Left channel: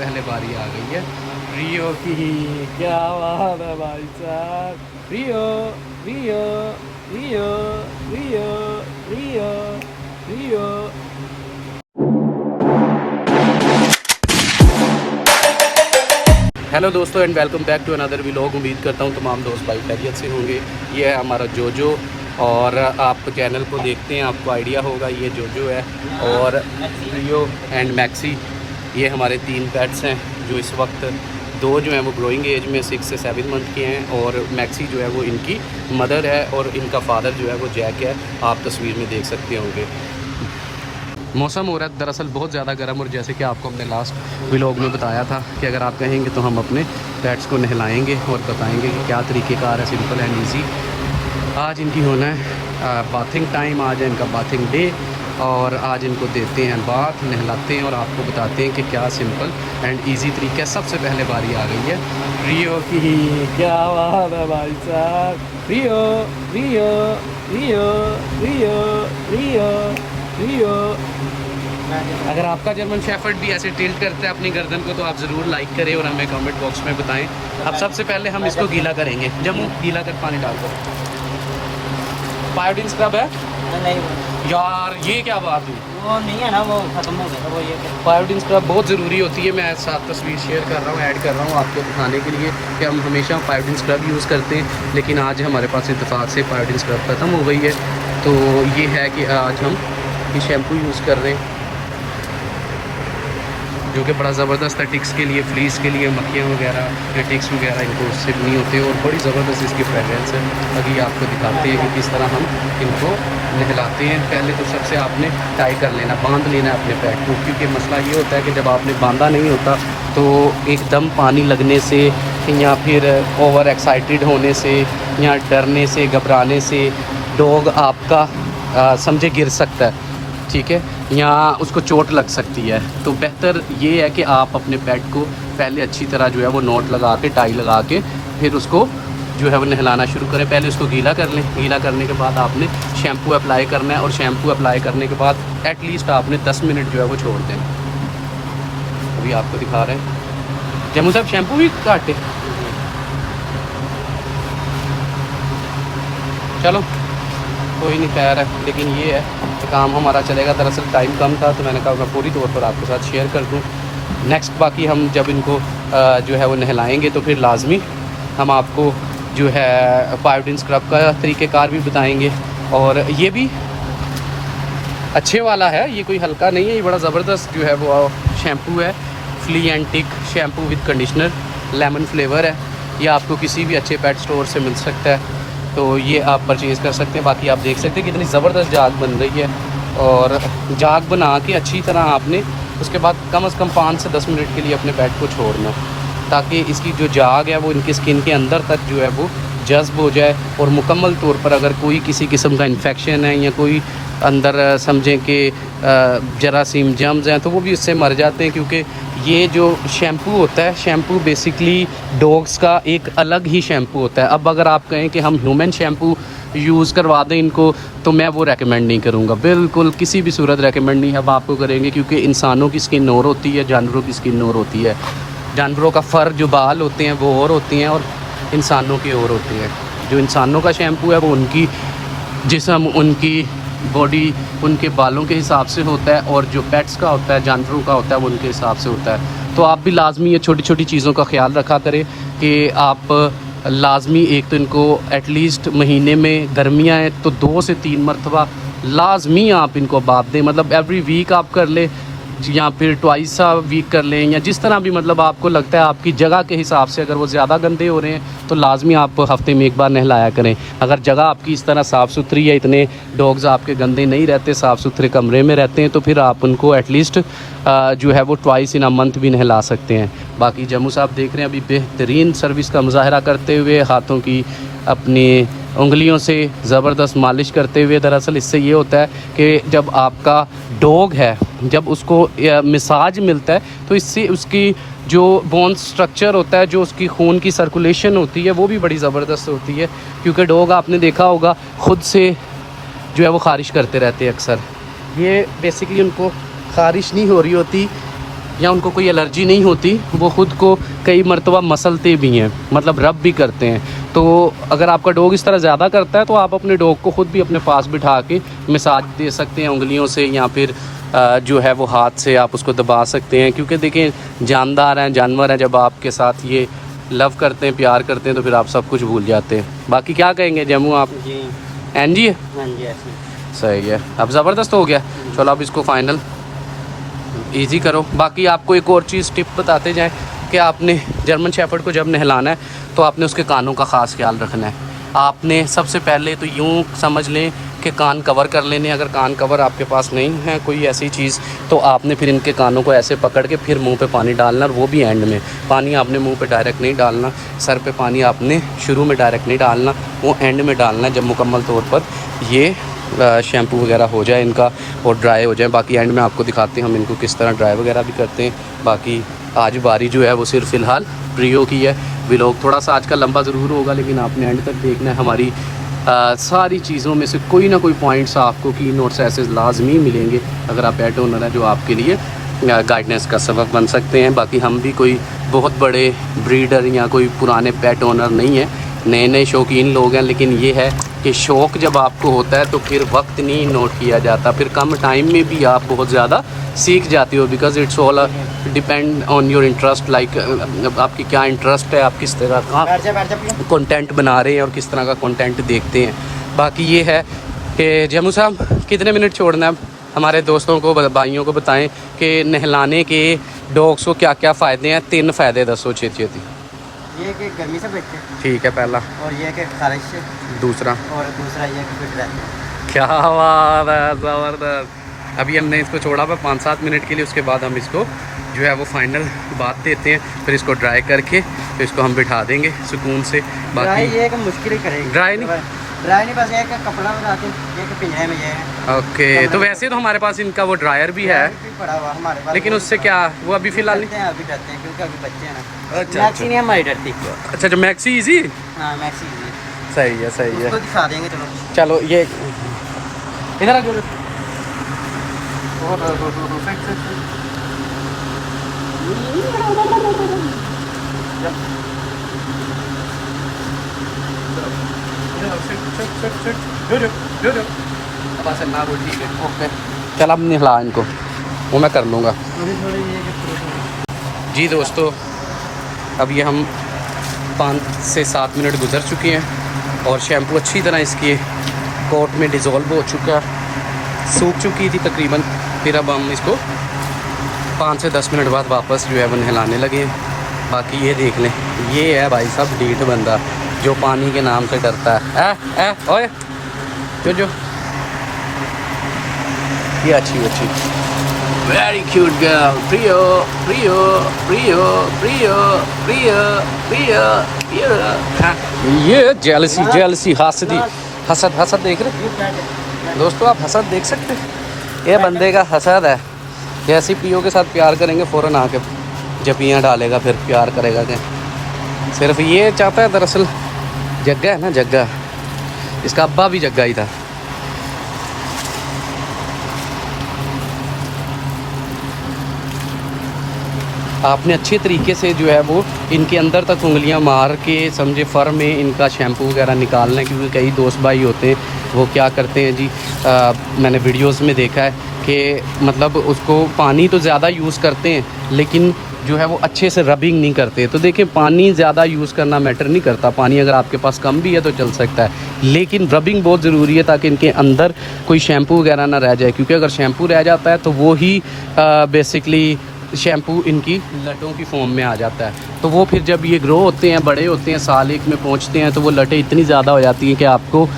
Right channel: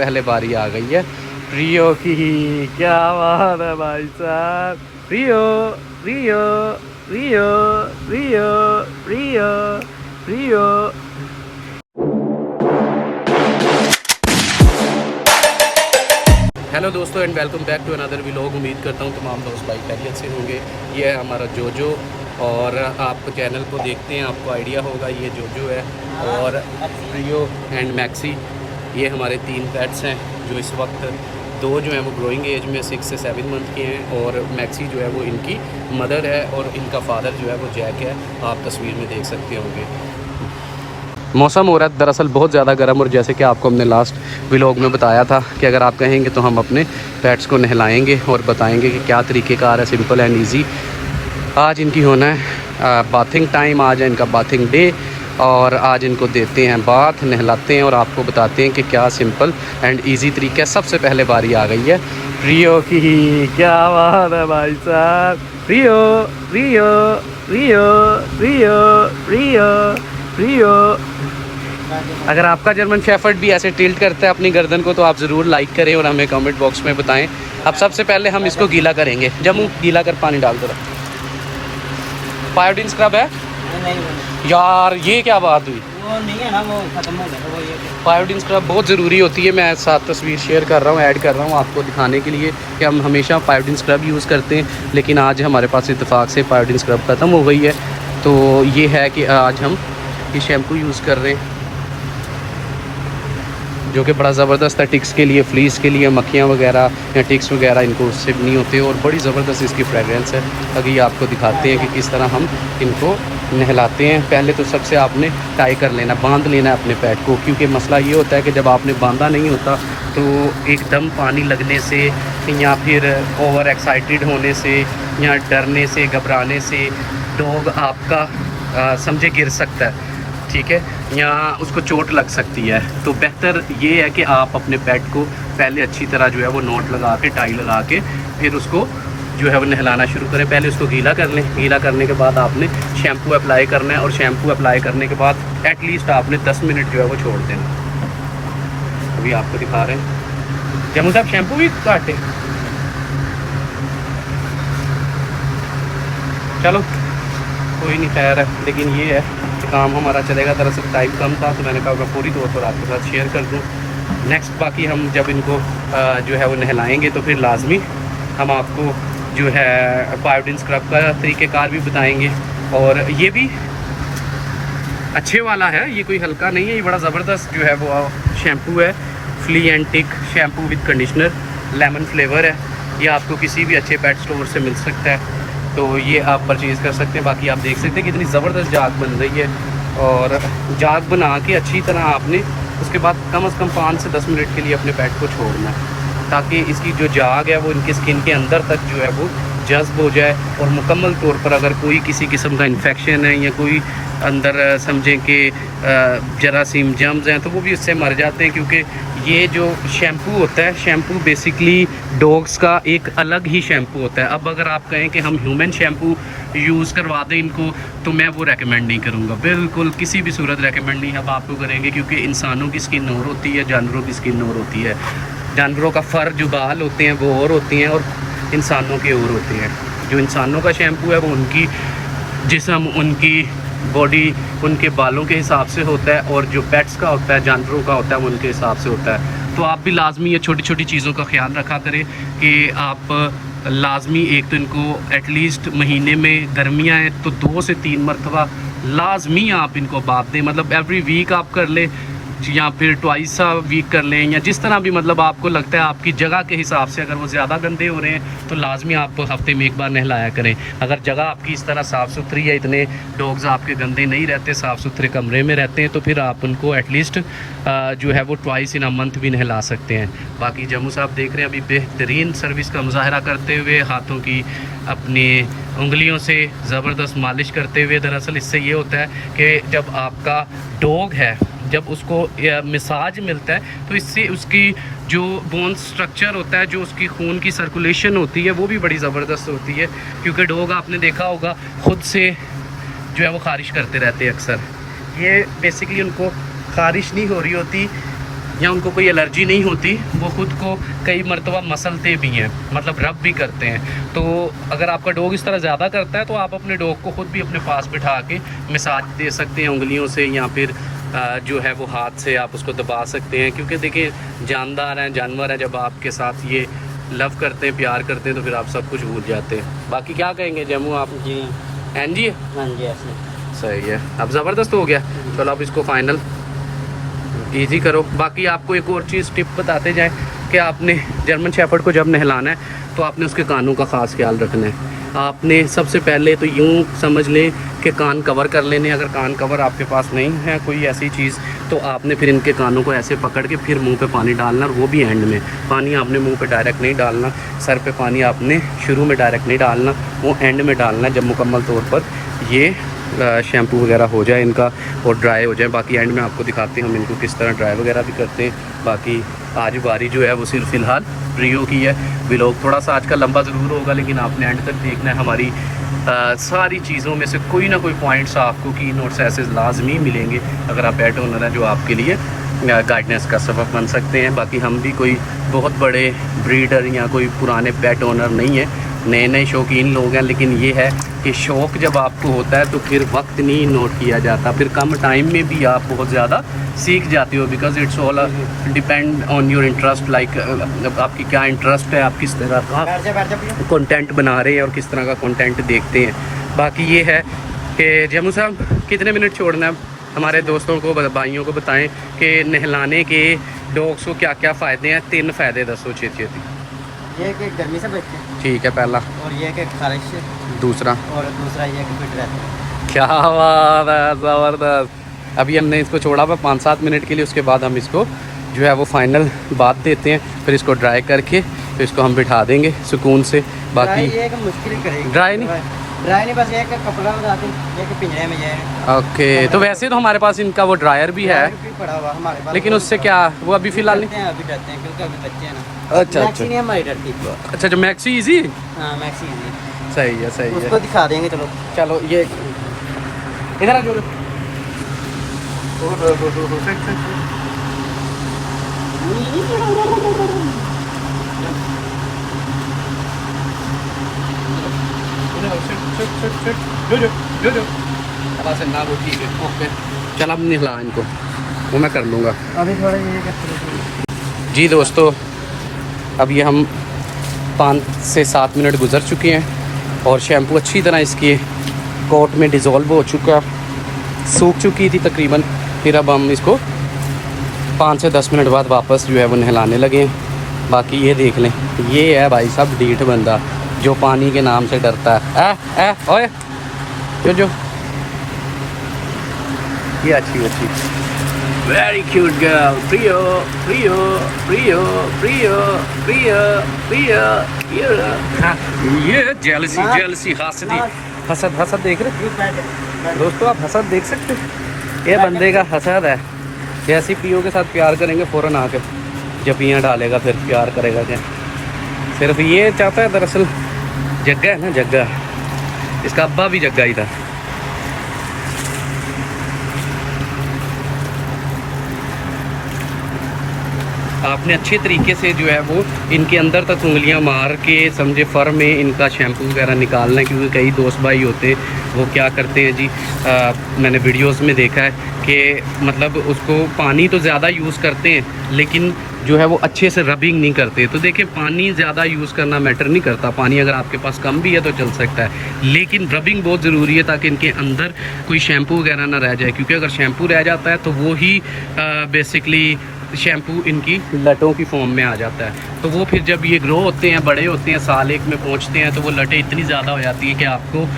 पहले बारी आ गई है रियो की। क्या बात है भाई साहब। रियो रियो रियो रियो रियो रियो। हेलो दोस्तों and welcome back to another vlog. उम्मीद करता हूँ तमाम दोस्त भाई खैरियत से होंगे। ये है हमारा जोजो और आप चैनल को देखते हैं आपको आइडिया होगा। ये जोजो है और रियो एंड मैक्सी, ये हमारे 3 पेट्स हैं जो इस वक्त 2 जो हैं वो ग्रोइंग एज में 6 से 7 मंथ के हैं और मैक्सी जो है वो इनकी मदर है और इनका फादर जो है वो जैक है। आप तस्वीर में देख सकते होंगे। मौसम हो रहा है दरअसल बहुत ज़्यादा गर्म और जैसे कि आपको हमने लास्ट व्लॉग में बताया था कि अगर आप कहेंगे तो हम अपने पेट्स को नहलाएंगे और बताएंगे कि क्या तरीक़ेकार है, सिंपल एंड ईजी। आज इनकी होना है बाथिंग टाइम, आज है इनका बाथिंग डे और आज इनको देते हैं बाथ, नहलाते हैं और आपको बताते हैं कि क्या सिंपल एंड इजी तरीका है। सबसे पहले बारी आ गई है रियो की। क्या बात है भाई साहब। रियो रियो रियो रियो रियो रियो। अगर आपका जर्मन शेफर्ड भी ऐसे टिल्ट करता है अपनी गर्दन को तो आप ज़रूर लाइक करें और हमें कमेंट बॉक्स में बताएं। अब सबसे पहले हम इसको गीला करेंगे। जम्मू गीला कर पानी डाल दो। पायोडीन स्क्रब है नहीं यार, ये क्या बात हुई। वो नहीं है ना, वो खत्म हो गया था वो। ये पायोडीन स्क्रब बहुत ज़रूरी होती है। मैं साथ तस्वीर शेयर कर रहा हूँ, ऐड कर रहा हूँ आपको दिखाने के लिए कि हम हमेशा पायोडीन स्क्रब यूज़ करते हैं, लेकिन आज हमारे पास इत्तेफाक से पायोडीन स्क्रब ख़त्म हो गई है। तो ये है कि आज हम ये शैम्पू यूज़ कर रहे हैं जो कि बड़ा ज़बरदस्त है टिक्स के लिए, फ्लीस के लिए, मक्खियाँ वगैरह या टिक्स वगैरह इनको उससे नहीं होते और बड़ी ज़बरदस्त इसकी फ्रेगरेंस है। अभी आपको दिखाते हैं कि किस तरह हम इनको नहलाते हैं। पहले तो सबसे आपने टाई कर लेना, बांध लेना अपने पैट को, क्योंकि मसला ये होता है कि जब आपने बांधा नहीं होता तो एकदम पानी लगने से या फिर ओवर एक्साइटेड होने से या डरने से घबराने से डॉग आपका समझे गिर सकता है, ठीक है, या उसको चोट लग सकती है। तो बेहतर ये है कि आप अपने पेट को पहले अच्छी तरह जो है वो नॉट लगा के, टाई लगा के फिर उसको जो है वो नहलाना शुरू करें। पहले उसको गीला कर लें। गीला करने के बाद आपने शैम्पू अप्लाई करना है और शैम्पू अप्लाई करने के बाद एटलीस्ट आपने 10 मिनट जो है वो छोड़ देना। अभी आपको दिखा रहे हैं। जम्मू साहब शैम्पू भी काटे। चलो कोई नहीं, खैर है, लेकिन ये है काम हमारा चलेगा। दरअसल टाइम कम था तो मैंने कहा मैं पूरी तौर पर आपके साथ शेयर कर दूँ। नेक्स्ट बाकी हम जब इनको जो है वो नहलाएंगे तो फिर लाजमी हम आपको जो है पायोडीन स्क्रब का तरीक़ेकार भी बताएंगे। और ये भी अच्छे वाला है, ये कोई हल्का नहीं है, ये बड़ा ज़बरदस्त जो है वो शैम्पू है। Flea and tick shampoo with conditioner, lemon flavour है। ये आपको किसी भी अच्छे पेट स्टोर से मिल सकता है, तो ये आप परचेज़ कर सकते हैं। बाकी आप देख सकते हैं कितनी ज़बरदस्त जाग बन रही है और जाग बना के अच्छी तरह आपने उसके बाद कम से कम 5 से 10 मिनट के लिए अपने पेट को छोड़ना, ताकि इसकी जो जाग है वो इनके स्किन के अंदर तक जो है वो जज्ब हो जाए और मुकम्मल तौर पर अगर कोई किसी किस्म का इन्फेक्शन है या कोई अंदर समझें कि जरासीम जम्स हैं तो वो भी इससे मर जाते हैं। क्योंकि ये जो शैम्पू होता है, शैम्पू बेसिकली डॉग्स का एक अलग ही शैम्पू होता है। अब अगर आप कहें कि हम ह्यूमन शैम्पू यूज़ करवा दें इनको तो मैं वो रेकमेंड नहीं करूँगा, बिल्कुल किसी भी सूरत रेकमेंड नहीं हम आपको करेंगे, क्योंकि इंसानों की स्किन और होती है, जानवरों की स्किन और होती है। जानवरों का फ़र जो बाल होते हैं वो और होती हैं और इंसानों के और होती हैं। जो इंसानों का शैम्पू है वो उनकी जिस्म, उनकी बॉडी, उनके बालों के हिसाब से होता है और जो पेट्स का होता है, जानवरों का होता है, वो उनके हिसाब से होता है। तो आप भी लाजमी ये छोटी छोटी चीज़ों का ख्याल रखा करें कि आप लाजमी एक तो इनको एटलीस्ट महीने में गर्मियाँ हैं तो 2 से 3 मरतबा लाजमी आप इनको बात दें। मतलब एवरी वीक आप कर लें या फिर ट्वाइस अ वीक कर लें, या जिस तरह भी मतलब आपको लगता है आपकी जगह के हिसाब से। अगर वो ज़्यादा गंदे हो रहे हैं तो लाजमी आप हफ्ते में 1 बार नहलाया करें। अगर जगह आपकी इस तरह साफ़ सुथरी है, इतने डॉग्स आपके गंदे नहीं रहते, साफ़ सुथरे कमरे में रहते हैं, तो फिर आप उनको एटलीस्ट जो है वो ट्वाइस इन अ मंथ भी नहला सकते हैं। बाकी जम्मू साहब देख रहे हैं अभी बेहतरीन सर्विस का मुजाहरा करते हुए, हाथों की अपनी उंगलियों से ज़बरदस्त मालिश करते हुए। दरअसल इससे ये होता है कि जब आपका डॉग है, जब उसको मसाज मिलता है तो इससे उसकी जो बोन स्ट्रक्चर होता है, जो उसकी खून की सर्कुलेशन होती है, वो भी बड़ी ज़बरदस्त होती है। क्योंकि डॉग आपने देखा होगा ख़ुद से जो है वो ख़ारिश करते रहते हैं अक्सर। ये बेसिकली उनको ख़ारिश नहीं हो रही होती, या उनको कोई एलर्जी नहीं होती, वो ख़ुद को कई मरतबा मसलते भी हैं, मतलब रब भी करते हैं। तो अगर आपका डॉग इस तरह ज़्यादा करता है तो आप अपने डॉग को ख़ुद भी अपने पास बिठा के मसाज दे सकते हैं उंगलियों से, या फिर जो है वो हाथ से आप उसको दबा सकते हैं। क्योंकि देखें जानदार हैं, जानवर हैं, जब आपके साथ ये लव करते हैं, प्यार करते हैं, तो फिर आप सब कुछ भूल जाते हैं। बाकी क्या कहेंगे जम्मू आप? जी एन जी हाँ जी ऐसे सही है। अब ज़बरदस्त हो गया। चलो अब इसको फाइनल इजी करो। बाकी आपको एक और चीज़ टिप बताते जाएं कि आपने जर्मन शेफर्ड को जब नहलाना है तो आपने उसके कानों का ख़ास ख्याल रखना है। आपने सबसे पहले तो यूँ समझ लें कि कान कवर कर लेने। अगर कान कवर आपके पास नहीं है कोई ऐसी चीज़, तो आपने फिर इनके कानों को ऐसे पकड़ के फिर मुंह पे पानी डालना, और वो भी एंड में। पानी आपने मुंह पे डायरेक्ट नहीं डालना, सर पे पानी आपने शुरू में डायरेक्ट नहीं डालना, वो एंड में डालना जब मुकम्मल तौर पर ये शैम्पू वगैरह हो जाए इनका और ड्राई हो जाए। बाकी एंड में आपको दिखाते हैं हम इनको किस तरह ड्राई वगैरह भी करते हैं। बाकी आज बारी जो है वो सिर्फ फ़िलहाल प्रियो की है। व्लॉग थोड़ा सा आज का लंबा ज़रूर होगा, लेकिन आपने एंड तक देखना है। हमारी सारी चीज़ों में से कोई ना कोई पॉइंट्स आपको की नोट्स ऐसे लाजमी मिलेंगे अगर आप पेट ओनर हैं, जो आपके लिए गाइडेंस का सबब बन सकते हैं। बाकी हम भी कोई बहुत बड़े ब्रीडर या कोई पुराने पेट ओनर नहीं हैं, नए नए शौकीन लोग हैं। लेकिन ये है कि शौक़ जब आपको होता है तो फिर वक्त नहीं नोट किया जाता, फिर कम टाइम में भी आप बहुत ज़्यादा सीख जाते हो। Because it's all depend on your interest, like आपकी क्या इंटरेस्ट है, आप किस तरह का कंटेंट बना रहे हैं और किस तरह का कंटेंट देखते हैं। बाकी ये है कि जम्मू साहब कितने मिनट छोड़ना है, हमारे दोस्तों को भाइयों को बताएं कि नहलाने के डॉग्स को क्या क्या फ़ायदे हैं। 3 फ़ायदे दसो छेती। ये कि गर्मी से बचते हैं, ठीक है पहला, और ये कि खारिश से, दूसरा, और दूसरा ये कि फिट रहते हैं। क्या बात है, ज़बरदस्त। अभी हमने इसको छोड़ा हुआ 5-7 मिनट के लिए, उसके बाद हम इसको जो है वो फाइनल बात देते हैं, फिर इसको ड्राई करके फिर इसको हम बिठा देंगे सुकून से। बाकी ये कि मुश्किल ही करेगी, ड्राई नहीं बस ये कि कपड़ा लगा के ये कि पिंजरे में जाए। ओके, तो वैसे तो हमारे पास इनका वो ड्रायर भी है, पड़ा हुआ हमारे पास, लेकिन उससे क्या वो अभी फ़िलहाल नहीं। अभी करते हैं क्योंकि अभी बच्चे हैं ना। अच्छा अच्छा नहीं हमारी डरती। अच्छा, जो मैक्सी इजी, हाँ मैक्सी सही है सही है। उसको दिखा देंगे। चलो चलो ये इधर आ जाओ। ठीक है ओके, चल अब नहला इनको, वो मैं कर लूँगा। अभी थोड़ा ये जी दोस्तों, अब ये हम 5 से 7 मिनट गुजर चुके हैं और शैम्पू अच्छी तरह इसके कोट में डिज़ोल्व हो चुका, सूख चुकी थी तकरीबन। फिर अब हम इसको 5 से 10 मिनट बाद वापस जो है वो नहलाने लगे। बाकी ये देख लें, ये है भाई साहब ढीठ बंदा जो पानी के नाम से डरता है। ओए जो ये अच्छी वेरी क्यूट गर्ल, प्रियो प्रियो प्रियो प्रियो प्रियो प्रियो। ये जेलसी हसद देख रहे दोस्तों, आप हसद देख सकते हैं। ये बंदे का हसद है, जैसे पियो के साथ प्यार करेंगे फ़ौरन आके जपियाँ डालेगा, फिर प्यार करेगा क्या। सिर्फ ये चाहता है, दरअसल जग्गा है ना, जग्गा, इसका अब्बा भी जग्गा ही था। आपने अच्छे तरीके से जो है वो इनके अंदर तक उंगलियां मार के समझे फर में इनका शैम्पू वगैरह निकालना है। क्योंकि कई दोस्त भाई होते हैं वो क्या करते हैं जी, मैंने वीडियोस में देखा है कि मतलब उसको पानी तो ज़्यादा यूज़ करते हैं लेकिन जो है वो अच्छे से रबिंग नहीं करते। तो देखिए, पानी ज़्यादा यूज़ करना मैटर नहीं करता, पानी अगर आपके पास कम भी है तो चल सकता है, लेकिन रबिंग बहुत ज़रूरी है ताकि इनके अंदर कोई शैम्पू वगैरह ना रह जाए। क्योंकि अगर शैम्पू रह जाता है तो वो ही बेसिकली शैम्पू इनकी लटों की फॉर्म में आ जाता है। तो वो फिर जब ये ग्रो होते हैं, बड़े होते हैं, साल एक में पहुंचते हैं, तो वो लटें इतनी ज़्यादा हो जाती हैं कि आपको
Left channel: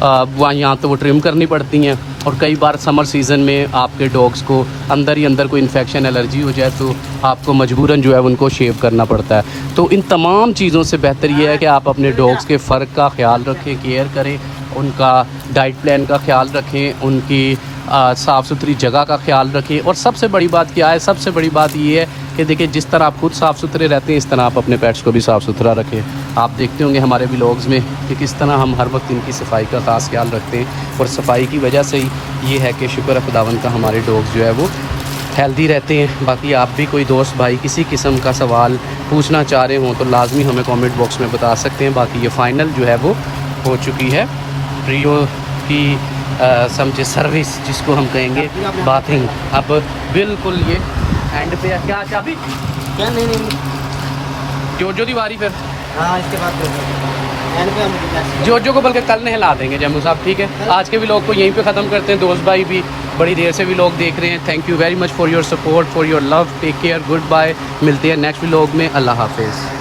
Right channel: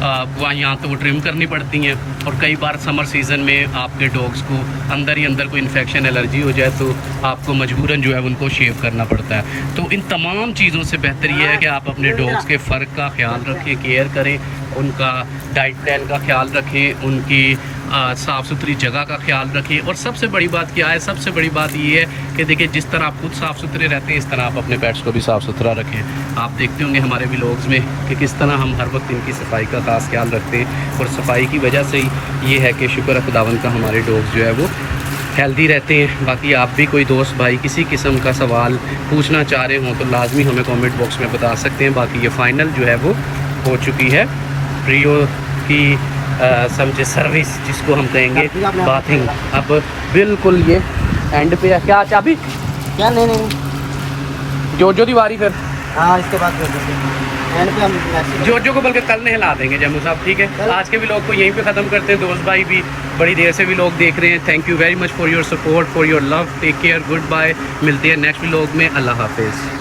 वहाँ यहाँ तो वो ट्रिम करनी पड़ती हैं। और कई बार समर सीज़न में आपके डॉग्स को अंदर ही अंदर कोई इन्फेक्शन एलर्जी हो जाए तो आपको मजबूरन जो है उनको शेव करना पड़ता है। तो इन तमाम चीज़ों से बेहतर ये है कि आप अपने डॉग्स के फ़र्क का ख्याल रखें, केयर करें, उनका डाइट प्लान का ख्याल रखें, उनकी साफ़ सुथरी जगह का ख्याल रखें। और सबसे बड़ी बात क्या है, सबसे बड़ी बात ये है कि देखिए, जिस तरह आप खुद साफ़ सुथरे रहते हैं इस तरह आप अपने पेट्स को भी साफ़ सुथरा रखें। आप देखते होंगे हमारे व्लॉग्स में कि किस तरह हम हर वक्त इनकी सफाई का ख़ास ख्याल रखते हैं। और सफाई की वजह से ही ये है कि शुक्र है खुदावंद का, हमारे डॉग्स जो है वो हेल्दी रहते हैं। बाकी आप भी कोई दोस्त भाई किसी किस्म का सवाल पूछना चाह रहे हो तो लाजमी हमें कमेंट बॉक्स में बता सकते हैं। बाकी ये फ़ाइनल जो है वो हो चुकी है प्रियो की समझे सर्विस जिसको हम कहेंगे बाथिंग। अब बिल्कुल ये एंड पे है। क्या चाबी क्या नहीं जो दीवारी फिर हाँ इसके बाद एंड पे हम जो को बल्कि कल नहला देंगे जम्मू साहब, ठीक है। आज के व्लॉग को यहीं पे ख़त्म करते हैं। दोस्त भाई भी बड़ी देर से व्लॉग देख रहे हैं। Thank you very much for your support, for your love. Take care, good bye. मिलते हैं नेक्स्ट व्लॉग में। अल्लाह हाफिज़।